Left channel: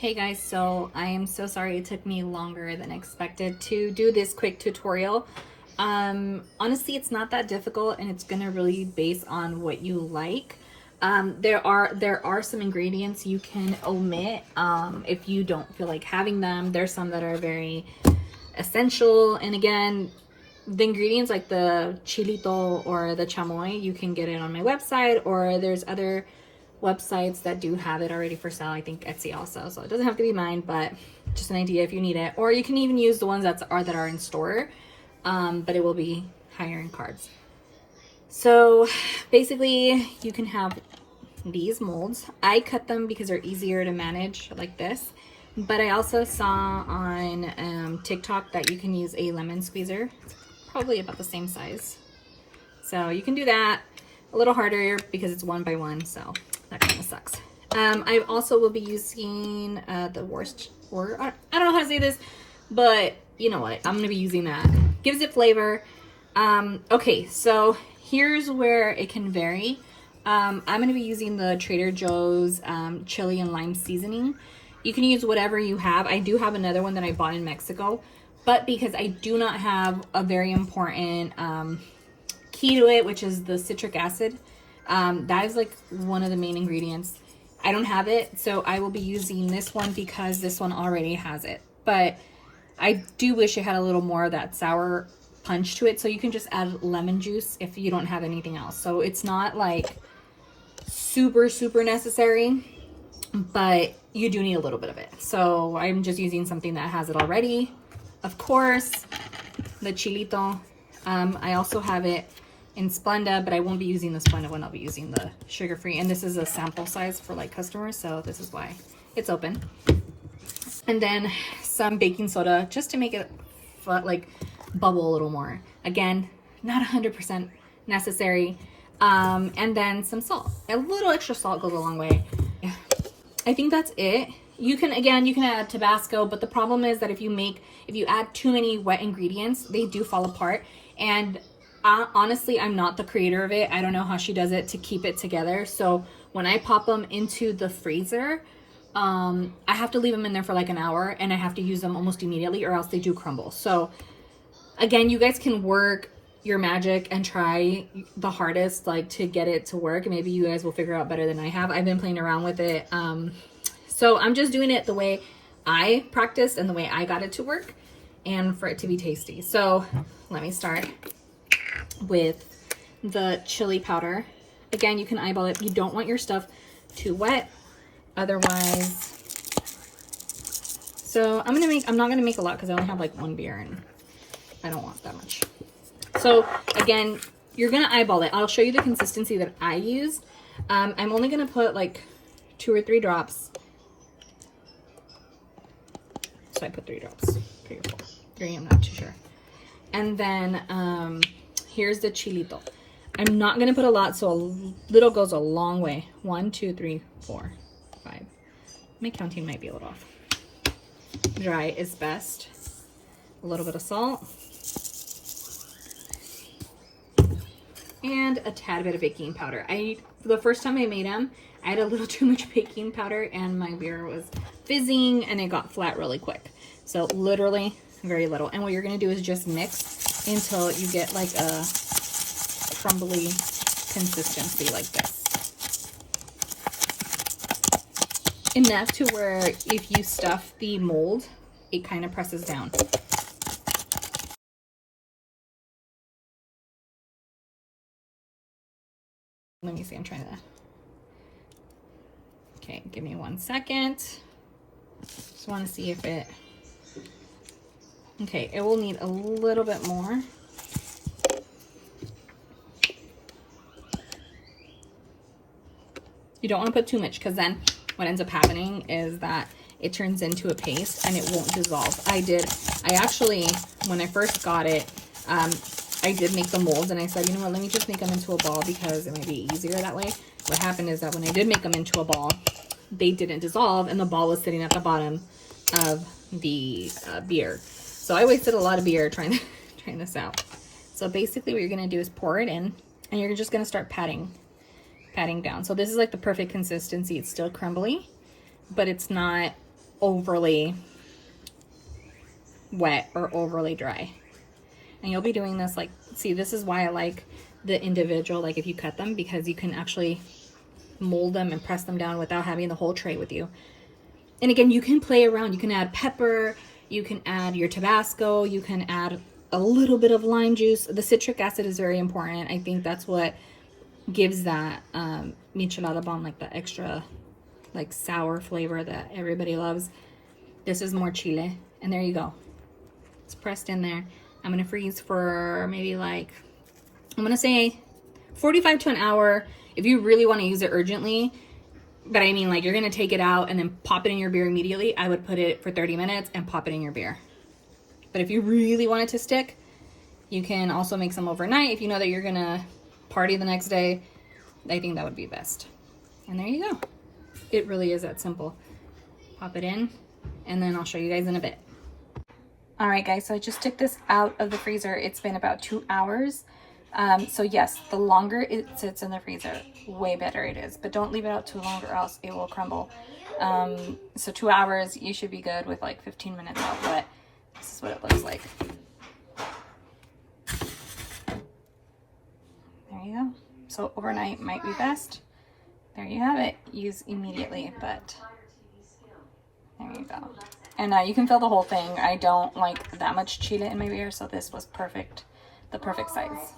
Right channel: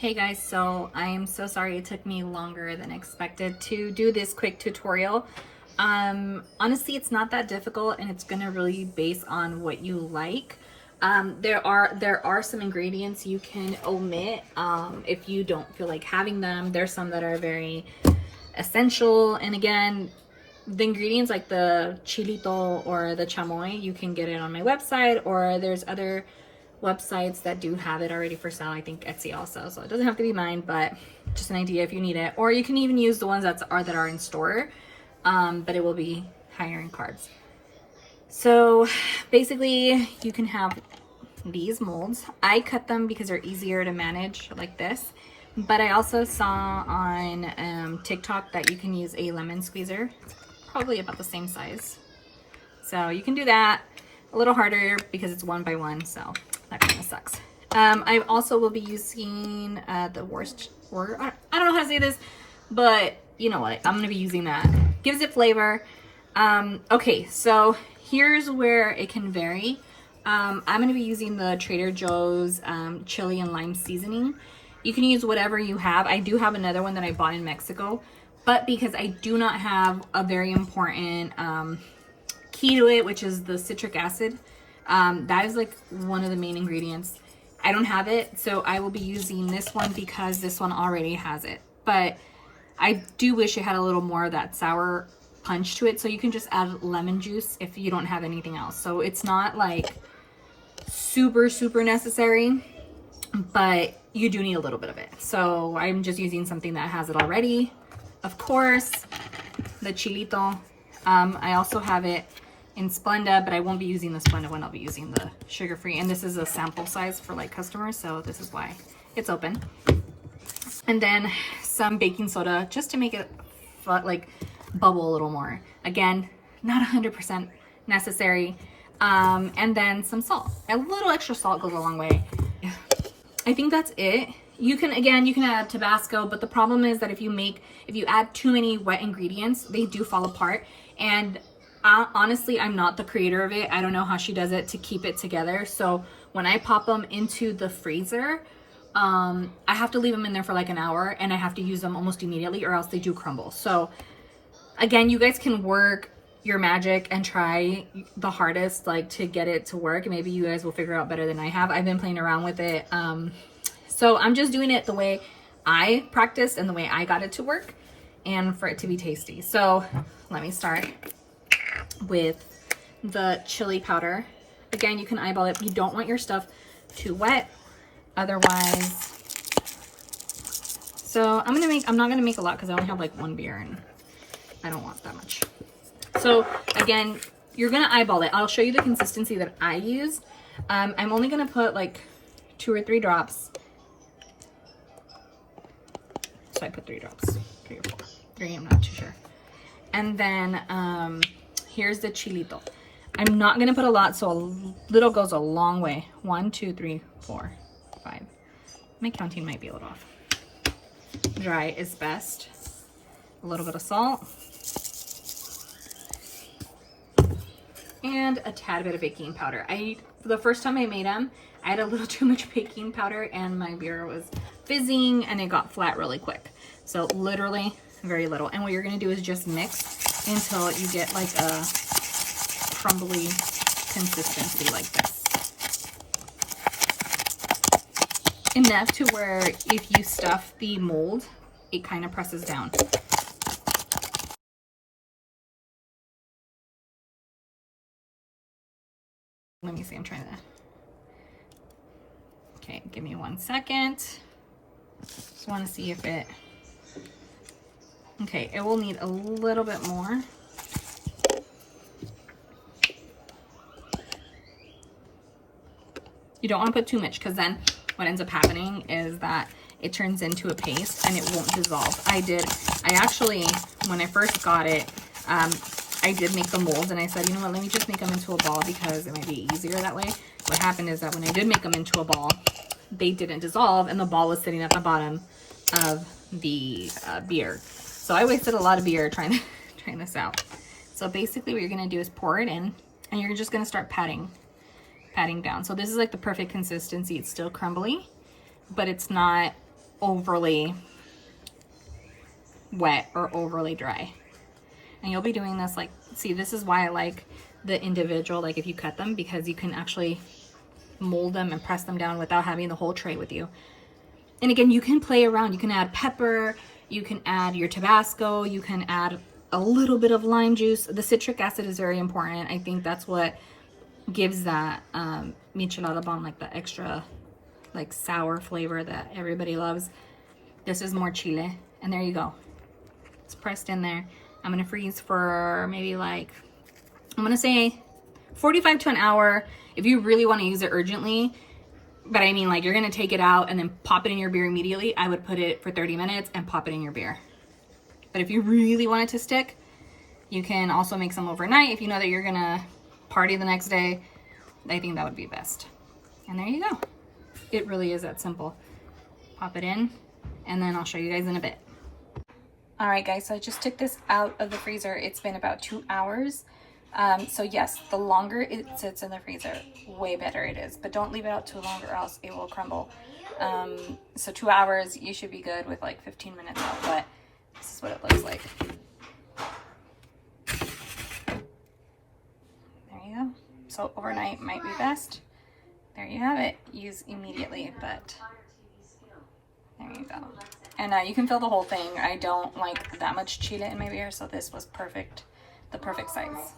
Hey guys, so I am so sorry it took me longer than expected to do this quick tutorial. Honestly, it's not that difficult and it's gonna really base on what you like. There are some ingredients you can omit if you don't feel like having them. There's some that are very essential, and again, the ingredients like the chilito or the chamoy, you can get it on my website, or there's other websites that do have it already for sale. I think Etsy also, so it doesn't have to be mine, but just an idea if you need it. Or you can even use the ones that are in store, but it will be higher in carbs. So basically you can have these molds. I cut them because they're easier to manage like this, but I also saw on TikTok that you can use a lemon squeezer. It's probably about the same size, so you can do that. A little harder because it's 1 by 1, so that kind of sucks. I also will be using the Worcester, I don't know how to say this, but you know what, I'm gonna be using that. Gives it flavor. Okay, so here's where it can vary. I'm gonna be using the Trader Joe's chili and lime seasoning. You can use whatever you have. I do have another one that I bought in Mexico, but because I do not have a very important key to it, which is the citric acid, that is like one of the main ingredients. I don't have it, so I will be using this one because this one already has it. But I do wish it had a little more of that sour punch to it, so you can just add lemon juice if you don't have anything else. So it's not like super necessary, but you do need a little bit of it. So I'm just using something that has it already. Of course, the chilito. I also have it in Splenda, but I won't be using the Splenda one. I'll be using the sugar-free, and this is a sample size for like customers, so this is why it's open. And then some baking soda just to make it like bubble a little more. Again, not 100% necessary. And then some salt. A little extra salt goes a long way. I think that's it. You can add Tabasco, but the problem is that if you add too many wet ingredients, they do fall apart. And honestly, I'm not the creator of it. I don't know how she does it to keep it together. So when I pop them into the freezer, I have to leave them in there for like an hour, and I have to use them almost immediately, or else they do crumble. So again, you guys can work your magic and try the hardest like to get it to work. Maybe you guys will figure out better than I have. I've been playing around with it. So I'm just doing it the way I practiced and the way I got it to work and for it to be tasty. So let me start with the chili powder. Again, you can eyeball it. You don't want your stuff too wet, otherwise. So I'm not gonna make a lot because I only have like 1 beer and I don't want that much. So again, you're gonna eyeball it. I'll show you the consistency that I use. I'm only gonna put like 2 or 3 drops. So I put 3 drops, 3 or 4, 3, I'm not too sure. And then here's the chilito. I'm not gonna put a lot, so a little goes a long way. 1, 2, 3, 4, 5. My counting might be a little off. Dry is best. A little bit of salt. And a tad bit of baking powder. The first time I made them, I had a little too much baking powder and my beer was fizzing and it got flat really quick. So literally very little. And what you're gonna do is just mix until you get like a crumbly consistency like this. Enough to where if you stuff the mold, it kind of presses down. Let me see, I'm trying to, okay, give me 1 second. Just want to see if it, okay, it will need a little bit more. You don't want to put too much because then what ends up happening is that it turns into a paste and it won't dissolve. I actually, when I first got it, I did make the molds and I said, you know what, let me just make them into a ball because it might be easier that way. What happened is that when I did make them into a ball, they didn't dissolve and the ball was sitting at the bottom of the beer. So I wasted a lot of beer trying this out. So basically what you're gonna do is pour it in and you're just gonna start patting down. So this is like the perfect consistency. It's still crumbly, but it's not overly wet or overly dry. And you'll be doing this like, see, this is why I like the individual, like if you cut them, because you can actually mold them and press them down without having the whole tray with you. And again, you can play around. You can add pepper, you can add your Tabasco, you can add a little bit of lime juice. The citric acid is very important. I think that's what gives that Michelada Bomb like the extra like sour flavor that everybody loves. This is more Chile. And there you go. It's pressed in there. I'm gonna freeze for maybe like, I'm gonna say 45 to an hour if you really want to use it urgently. But I mean, like, you're gonna take it out and then pop it in your beer immediately. I would put it for 30 minutes and pop it in your beer. But if you really want it to stick, you can also make some overnight. If you know that you're gonna party the next day, I think that would be best. And there you go. It really is that simple. Pop it in, and then I'll show you guys in a bit. All right, guys, so I just took this out of the freezer. It's been about 2 hours. So yes, the longer it sits in the freezer, way better it is. But don't leave it out too long or else it will crumble. So 2 hours, you should be good with like 15 minutes out, but this is what it looks like. There you go. So overnight might be best. There you have it. Use immediately, but there you go. And you can fill the whole thing. I don't like that much Chile in my beer, so this was perfect, the perfect size.